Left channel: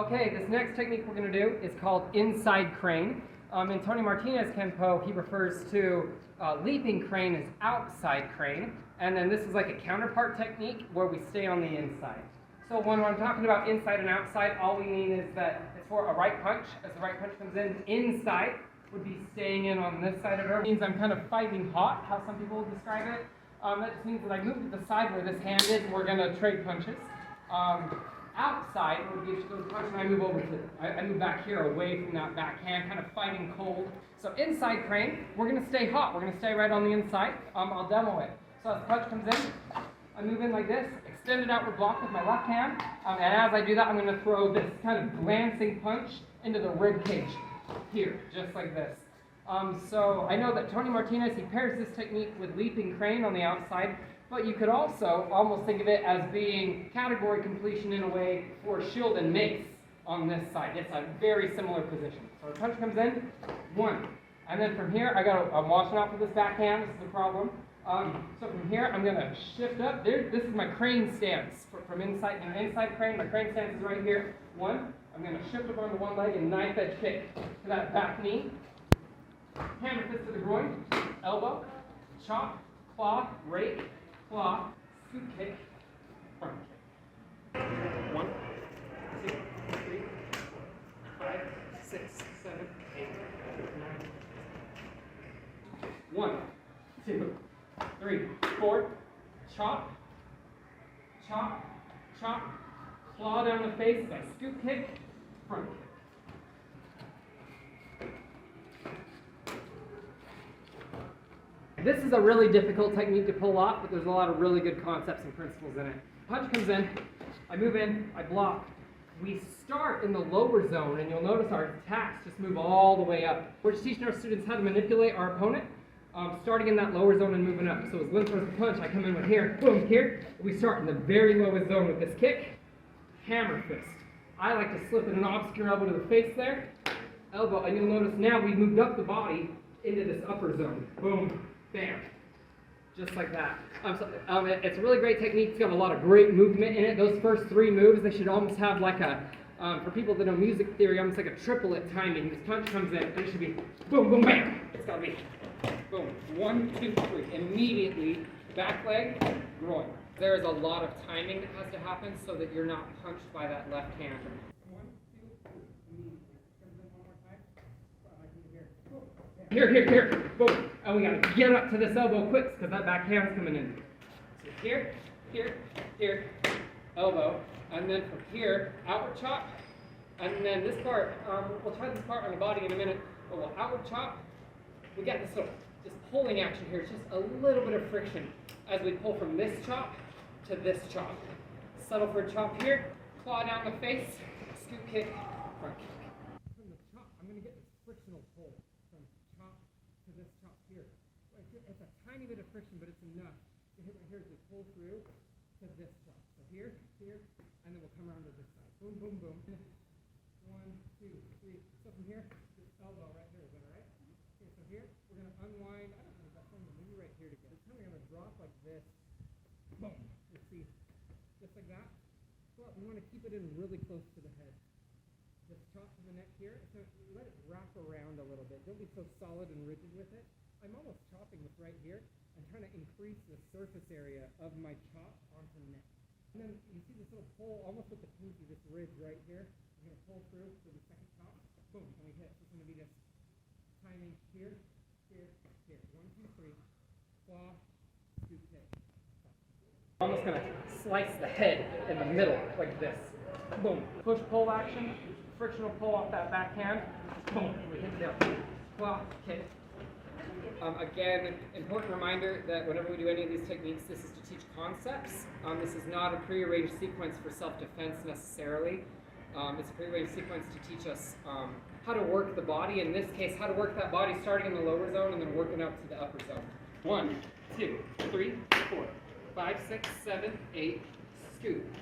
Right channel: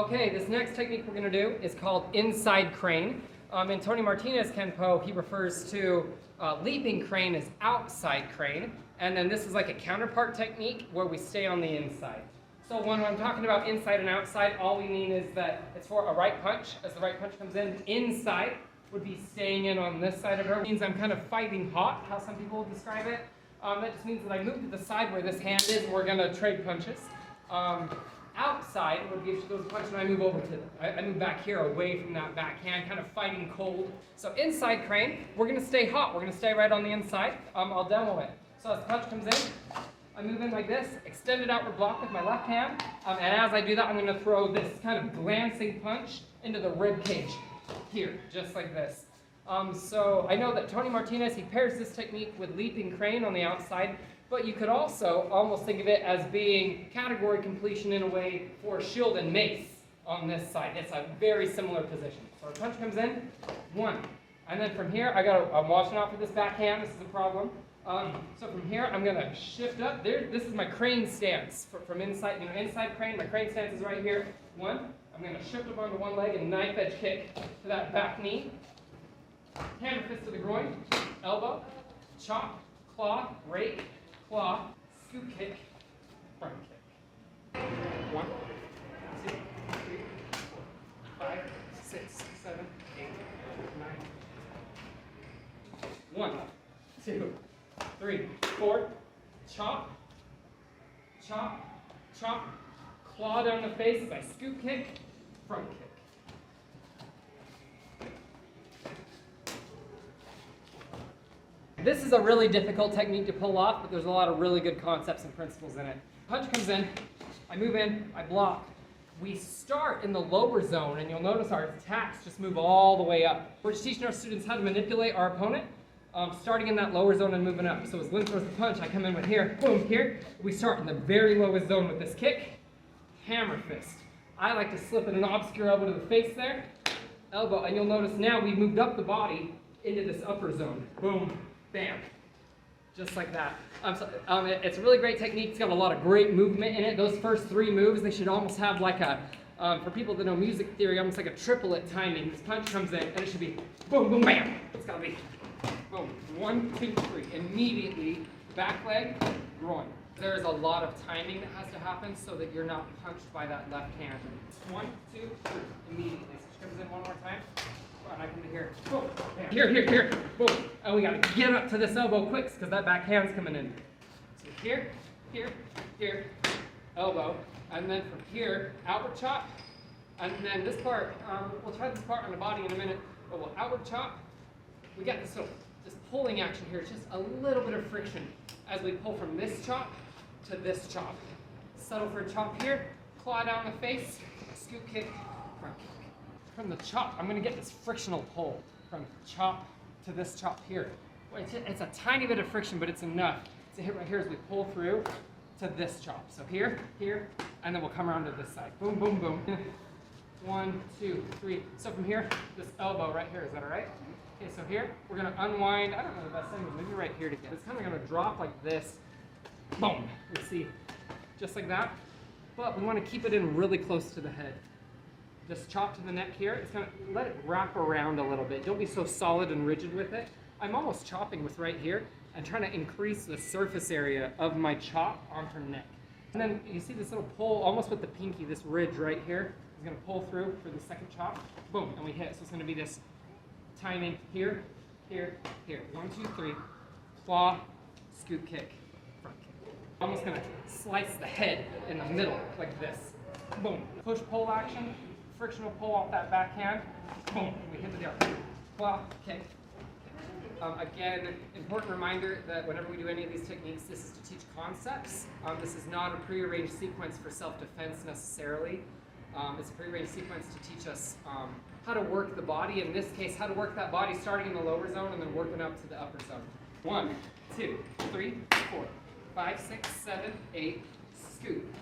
Okay, this next technique we're going to do is called inside crane. In Tony Martinez Kenpo, he refers to leaping crane as outside crane, and then this is like a counterpart technique where we stay on the inside. So when I'm talking about inside and outside, all we mean is that it's for a right punch. As the right punch comes in, inside would be staying in on this side of the door. It means I'm kind of fighting hot, how some people would describe it. That just means that I move to the side where this hand is, and we're going to trade punches. Outside would be if she goes to punch and I move over to it. I move back here away from that backhand, kind of fighting cold. So inside crane, we're going to stay hot. We're going to stay right on the inside. I'll demo it. So as the punch comes in, I move in like this, extend it outward block with my left hand, and as I do that, I'm going to throw this kind of glancing punch into the rib cage here, just like this. So I know that Tony Martinez, he pairs this technique with leaping crane on the outside, but you could also almost think of it as being category completion in a way for shield and mace on this side. It's a very similar position. So the punch comes in, one, and then from here, I'm watching out for this backhand. This is a problem. So from here, I'm going to shift up. This is my crane stance from inside. Inside crane, my crane stance is right here. One, I'm going to shift up onto one leg and knife edge kick to that back knee. Hammer fist to the groin, elbow, chop, claw, rake, claw, scoop kick, front kick. 1, 2, 3, 4, 5, 6, 7, 8, 9. 1, 2, 3, 4. Chop, chop, chop. Claw down the face as I scoop kick, front kick. This is a really difficult technique to pull off, but there's a lot of really good concepts and principles in it. Punch comes in, I move in, I block. We start in the lower zone, and you'll notice our attacks just move all the way up. We're just teaching our students how to manipulate our opponent, starting in that lower zone and moving up. So as Lynn throws the punch, I come in with here, boom, here. We start in the very lowest zone with this kick, hammer fist. I like to slip in an obscure elbow to the face there, elbow, and you'll notice now we've moved up the body into this upper zone. Boom. Bam. Just like that. It's a really great technique. It's got a lot of great movement in it. Those first 3 moves, they should almost have like a, for people that know music theory, almost like a triplet timing. This punch comes in and it should be boom, boom, bam. It's got to be boom. 1, 2, 3. Immediately, back leg, groin. There is a lot of timing that has to happen so that you're not punched by that left hand. 1, 2, 3. Immediately. So she comes in one more time. And I come to here. Boom. Bam. Here. Boom. And we got to get up to this elbow quick because that back hand's coming in. So here, elbow. And then from here, outward chop. And then this part, we'll try this part on the body in a minute. But we'll outward chop. We got this pulling action here. It's just a little bit of friction as we pull from this chop to this chop. Settle for a chop here. Claw down the face. Scoop kick. Front kick. From the chop, I'm going to get this frictional pull from chop to this chop here. It's a tiny bit of friction, but it's enough to hit right here as we pull through to this chop. So here, and then we'll come around to this side. Boom, boom, boom. 1, 2, 3. So from here, this elbow right here, is that all right? Okay, so here, we're going to unwind. I don't know the best thing, maybe right here to get. It's kind of going to drop like this. Boom. You see, just like that. But we want to keep it in really close to the head. Just chop to the neck here. It's going to let it wrap around a little bit. Don't be so solid and rigid with it. I'm almost chopping with right here and trying to increase the surface area of my chop on her neck. And then you see this little pull almost with the pinky, this ridge right here is going to pull through for the second chop. Boom, and we hit. So it's going to be this timing here. 1, 2, 3. Claw, scoop kick, front kick. I'm just going to slice the head in the middle like this. Boom. Push-pull action. Frictional pull off that backhand. Boom. We hit the nail. Claw, kick. Again, important reminder that whenever we do any of these techniques, this is to teach concepts. This is not a prearranged sequence for self-defense necessarily. It's a prearranged sequence to teach us how to work the body. In this case, how to work that body starting in the lower zone and then working up to the upper zone. 1, 2, 3, 4, 5, 6, 7, 8. Scoop.